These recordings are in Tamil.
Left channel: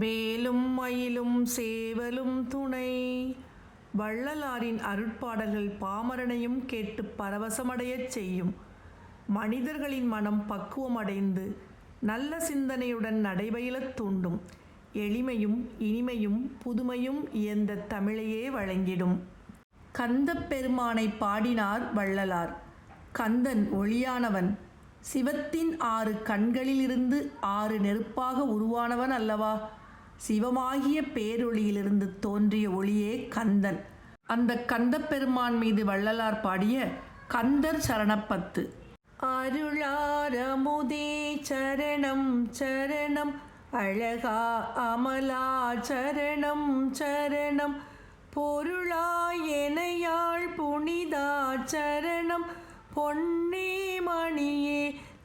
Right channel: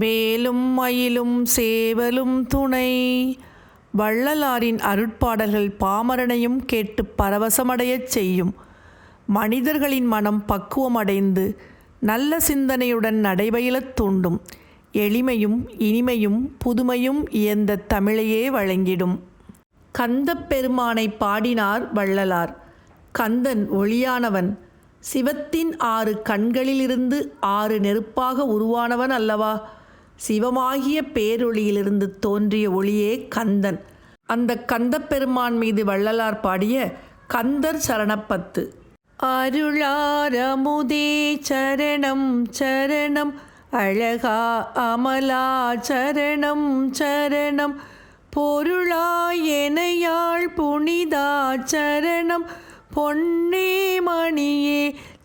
வேலும் மயிலும் சேவலும் துணை. வள்ளலாரின் அருட்பாடல்கள் பாமரனையும் கேட்டு பரவசமடையச் செய்யும். மனிதர்களின் மனம் பக்குவமடைந்து நல்ல சிந்தனையுடன் நடைபயிலத் தூண்டும். எளிமையும் இனிமையும் புதுமையும் இயந்த தமிழையே வழங்கிடும். கந்தப் பெருமானை பாடினார் வள்ளலார். கந்தன் ஒளியானவன். சிவத்தின் 6 கண்களிலிருந்து 6 நெருப்பாக உருவானவன் அல்லவா? சிவமாகிய பேரொளியிலிருந்து தோன்றிய ஒளியே கந்தன். அந்த கந்தப்பெருமான் மீது வள்ளலார் பாடிய கந்தர் சரணப்பத்து. அருளாரமுதே சரணம் சரணம், அழகா அமலா சரணம் சரணம், பொருளாய் எனையாள் புனிதா சரணம், பொன்னே மணியே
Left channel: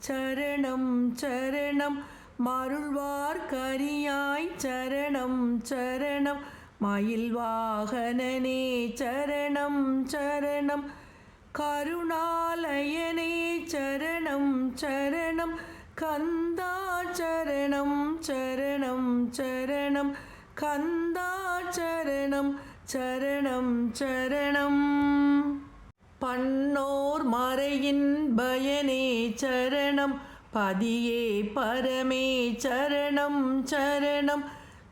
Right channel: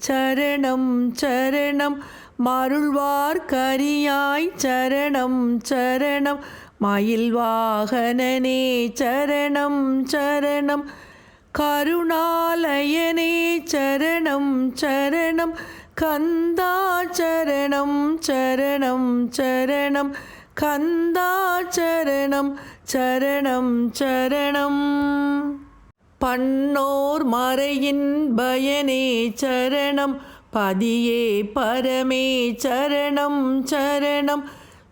சரணம் சரணம், மருள்வார் கரியாய் சரணம் சரணம், மயில் வாகனனே சரணம் சரணம், கருணாலயனே சரணம் சரணம், கந்தா சரணம் சரணம் சரணம், கந்தா சரணம் சரணம் சரணம், பன்னோர் மறையின் பயனே சரணம், பதியே பரமே சரணம் சரணம்,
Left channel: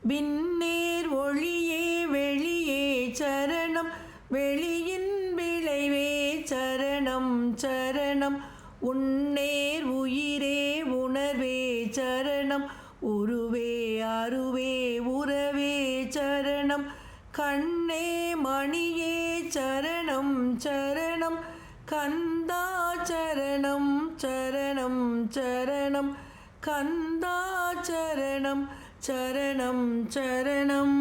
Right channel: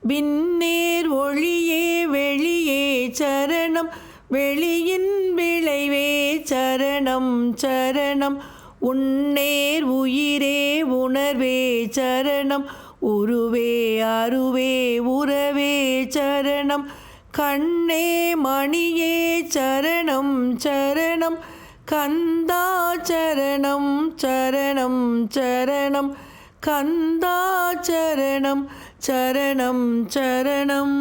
விண்ணேர் ஒளியே வெளியே சரணம், வெளியின் விளைவே சரணம் சரணம், உன்னேர் உயிரே உணர்வே சரணம், உருவே அருவே உறவே சரணம், கண்ணே மணியே சரணம் சரணம், கந்தா சரணம் சரணம் சரணம், கந்தா சரணம் சரணம் சரணம்,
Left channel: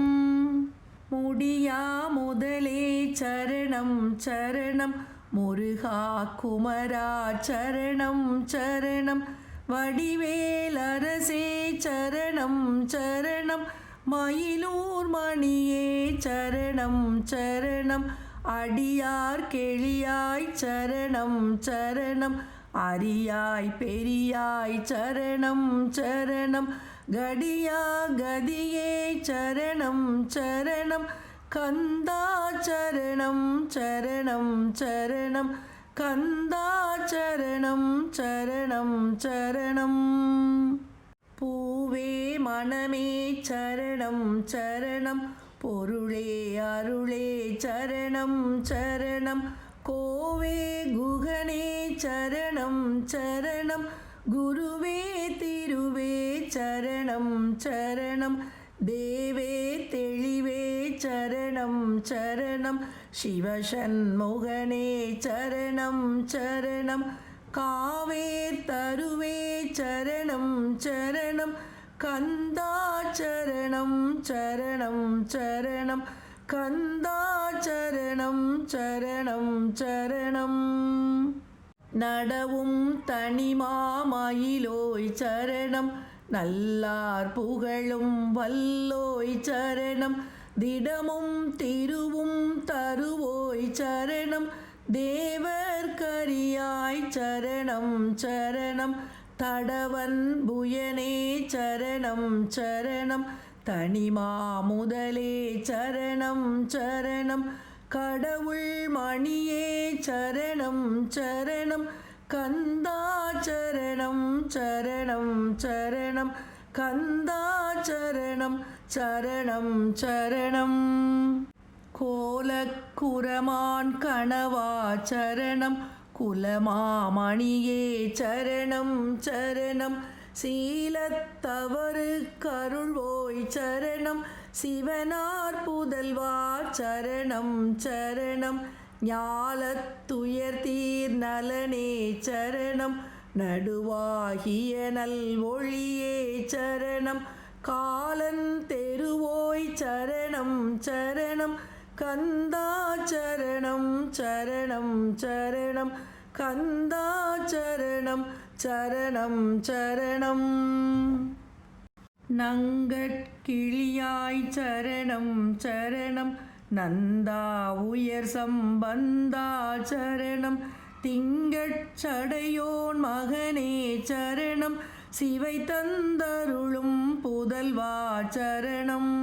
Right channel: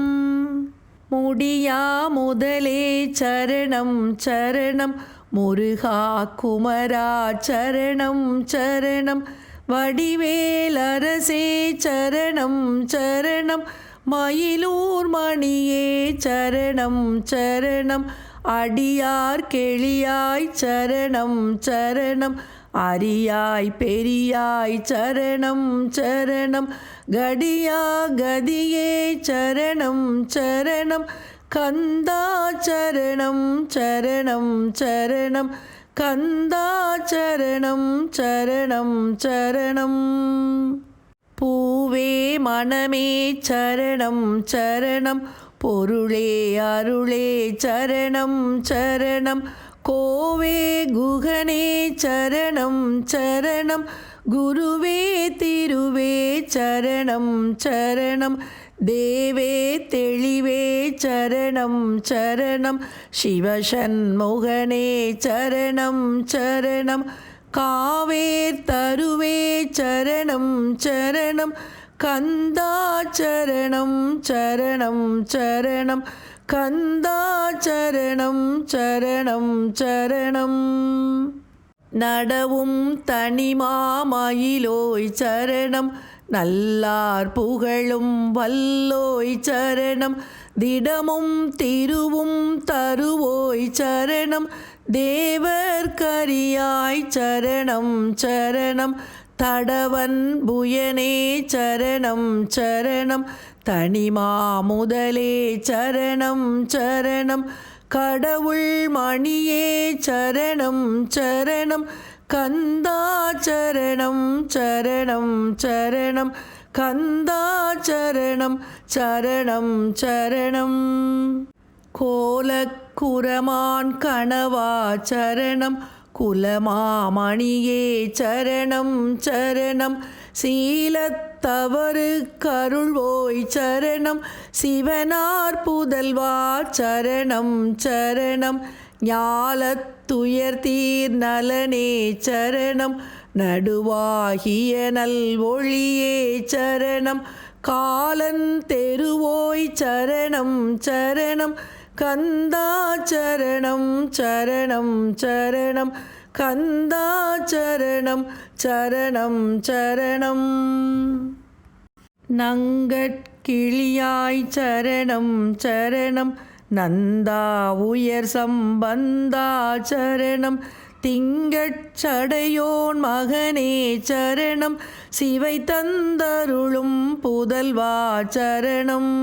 முடியா முதலே சரணம் சரணம், முருகா குமரா சரணம் சரணம், வடிவேலரசே சரணம் சரணம், மயிலூர் மணியே சரணம் சரணம், அடியார் கெளியாய் சரணம் சரணம், அரியாய் பெரியாய் சரணம் சரணம், கடியா கதியே சரணம் சரணம், கந்தா சரணம் சரணம் சரணம், கந்தா சரணம் சரணம் சரணம், பூவே மனமே சரணம் சரணம், பொருளே அருளே சரணம் சரணம், கோவே குகனே சரணம் சரணம், குருவே திருவே சரணம் சரணம், தேவே தெளிவே சரணம் சரணம், சிவசண்முகனே சரணம் சரணம், காவேர் தருவே சரணம் சரணம், கந்தா சரணம் சரணம் சரணம், கந்தா சரணம் சரணம் சரணம், நடவும் தனிமாமயிலோய் சரணம், நல்லார் புகழும் வல்லோய் சரணம், திடமும் திருவும் தருவோய் சரணம், தேவர் கரியாய் சரணம் சரணம், தடவன் புயனே சரணம் சரணம், தனிமா முதலே சரணம் சரணம், கடவுள் மணியே சரணம் சரணம், கந்தா சரணம் சரணம் சரணம், கந்தா சரணம் சரணம் சரணம், கோலக்குரமான் கணவா சரணம், குலமாமணியே சரணம் சரணம், சீலத்தவறு கருள்வோய் சரணம், சிவனார் புதல்வா சரணம் சரணம், ஞாலத்துயர் தீர் நலனே சரணம், நடுவாகிய நல் ஒளியே சரணம், காலன் தெருவோய் சரணம் சரணம், கந்தா சரணம் சரணம் சரணம், கந்தா சரணம் சரணம் சரணம், நங்கட்கிளியாய் சரணம் சரணம், நந்தா உயர் சம்பந்தா சரணம், திங்கட்சடையோன் மகனே சரணம், சிவை தந்தருளும் புதல்வா சரணம்.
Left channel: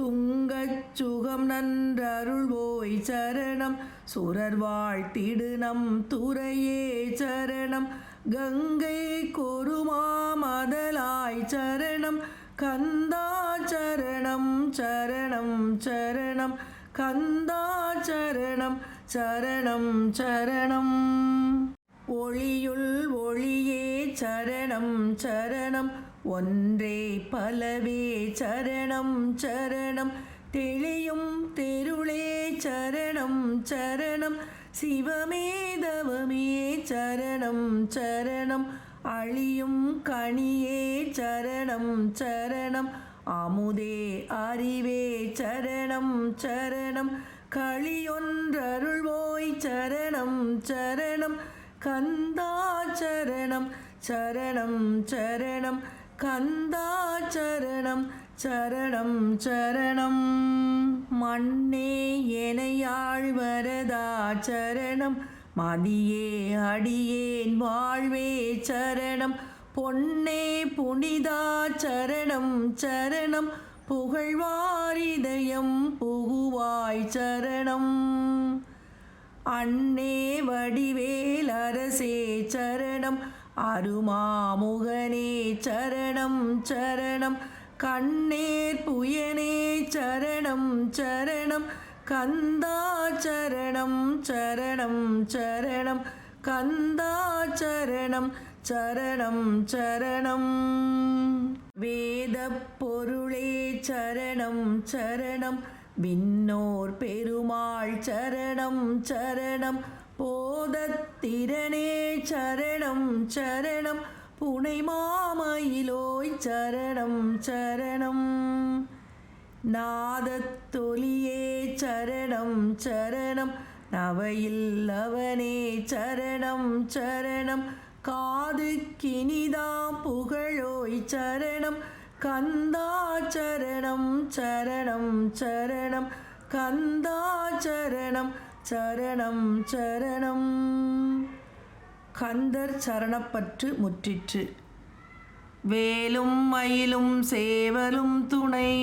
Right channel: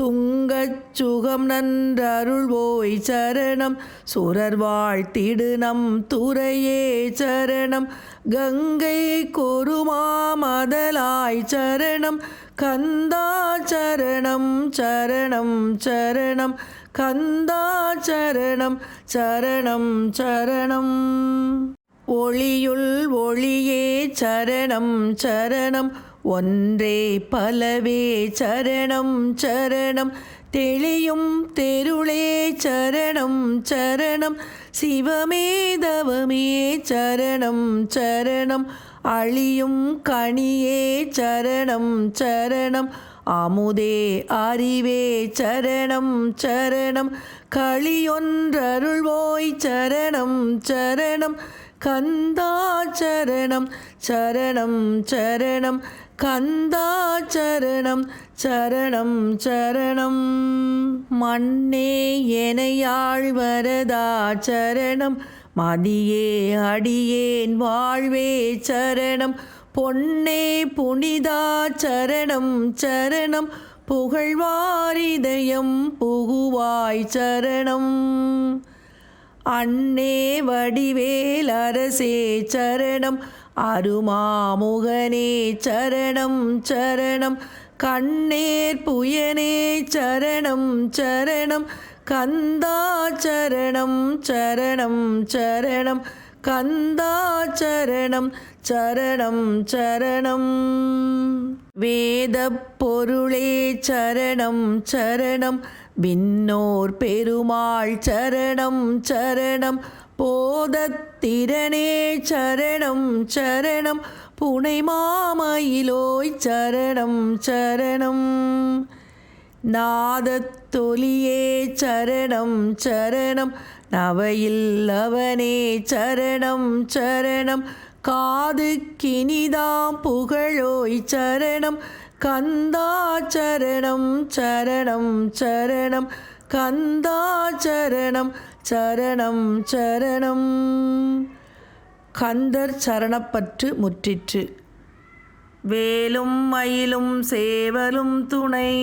துங்கச் சுகம் நன்றருள்வோய் சரணம். சுரர் வாழ்த்திடு நம் துறையே சரணம். கங்கை கொருமாமதலாய் சரணம். கந்தா சரணம் சரணம் சரணம். கந்தா சரணம் சரணம் சரணம். ஒளியுள் ஒளியே சரணம் சரணம். ஒன்றே பலவே சரணம் சரணம். தெளியும் தெருளே சரணம் சரணம். சிவமே தவமே சரணம் சரணம். அழியும் கனியே சரணம் சரணம். அமுதே அறிவே சரணம் சரணம். களியொன்றருள்வோய் சரணம் சரணம். கந்தா சரணம் சரணம் சரணம். கந்தா சரணம் சரணம் சரணம். மண்ணே எனையாள் வரதா சரணம். மதியே அடியேன் வாழ்வே சரணம். பொன்னே புனிதா சரணம் சரணம். புகழ்வாரிதயம் புகுவாய் சரணம். அன்னே வடிவேல் அரசே சரணம். அருமாமுகனே சரணம் சரணம். கண்ணேர் புயனே சரணம் சரணம். கந்தா சரணம் சரணம் சரணம். கந்தா சரணம் சரணம் சரணம். வேதப் பொருளே சரணம் சரணம். விண்ணோர் பெருமாள் சரணம் சரணம். போதத்திரனே சரணம் சரணம். புனை மாமயிலோய் சரணம் சரணம். நாதத்தொலியே சரணம் சரணம். நவையில் அவனே சரணம் சரணம். காது கினிதாம் புகழோய் சரணம். கந்தா சரணம் சரணம் சரணம். கந்தா சரணம் சரணம் சரணம். கந்தர் சரணப்பற்று முற்றிற்று. வேலும் மயிலும் சேவலும் துணை.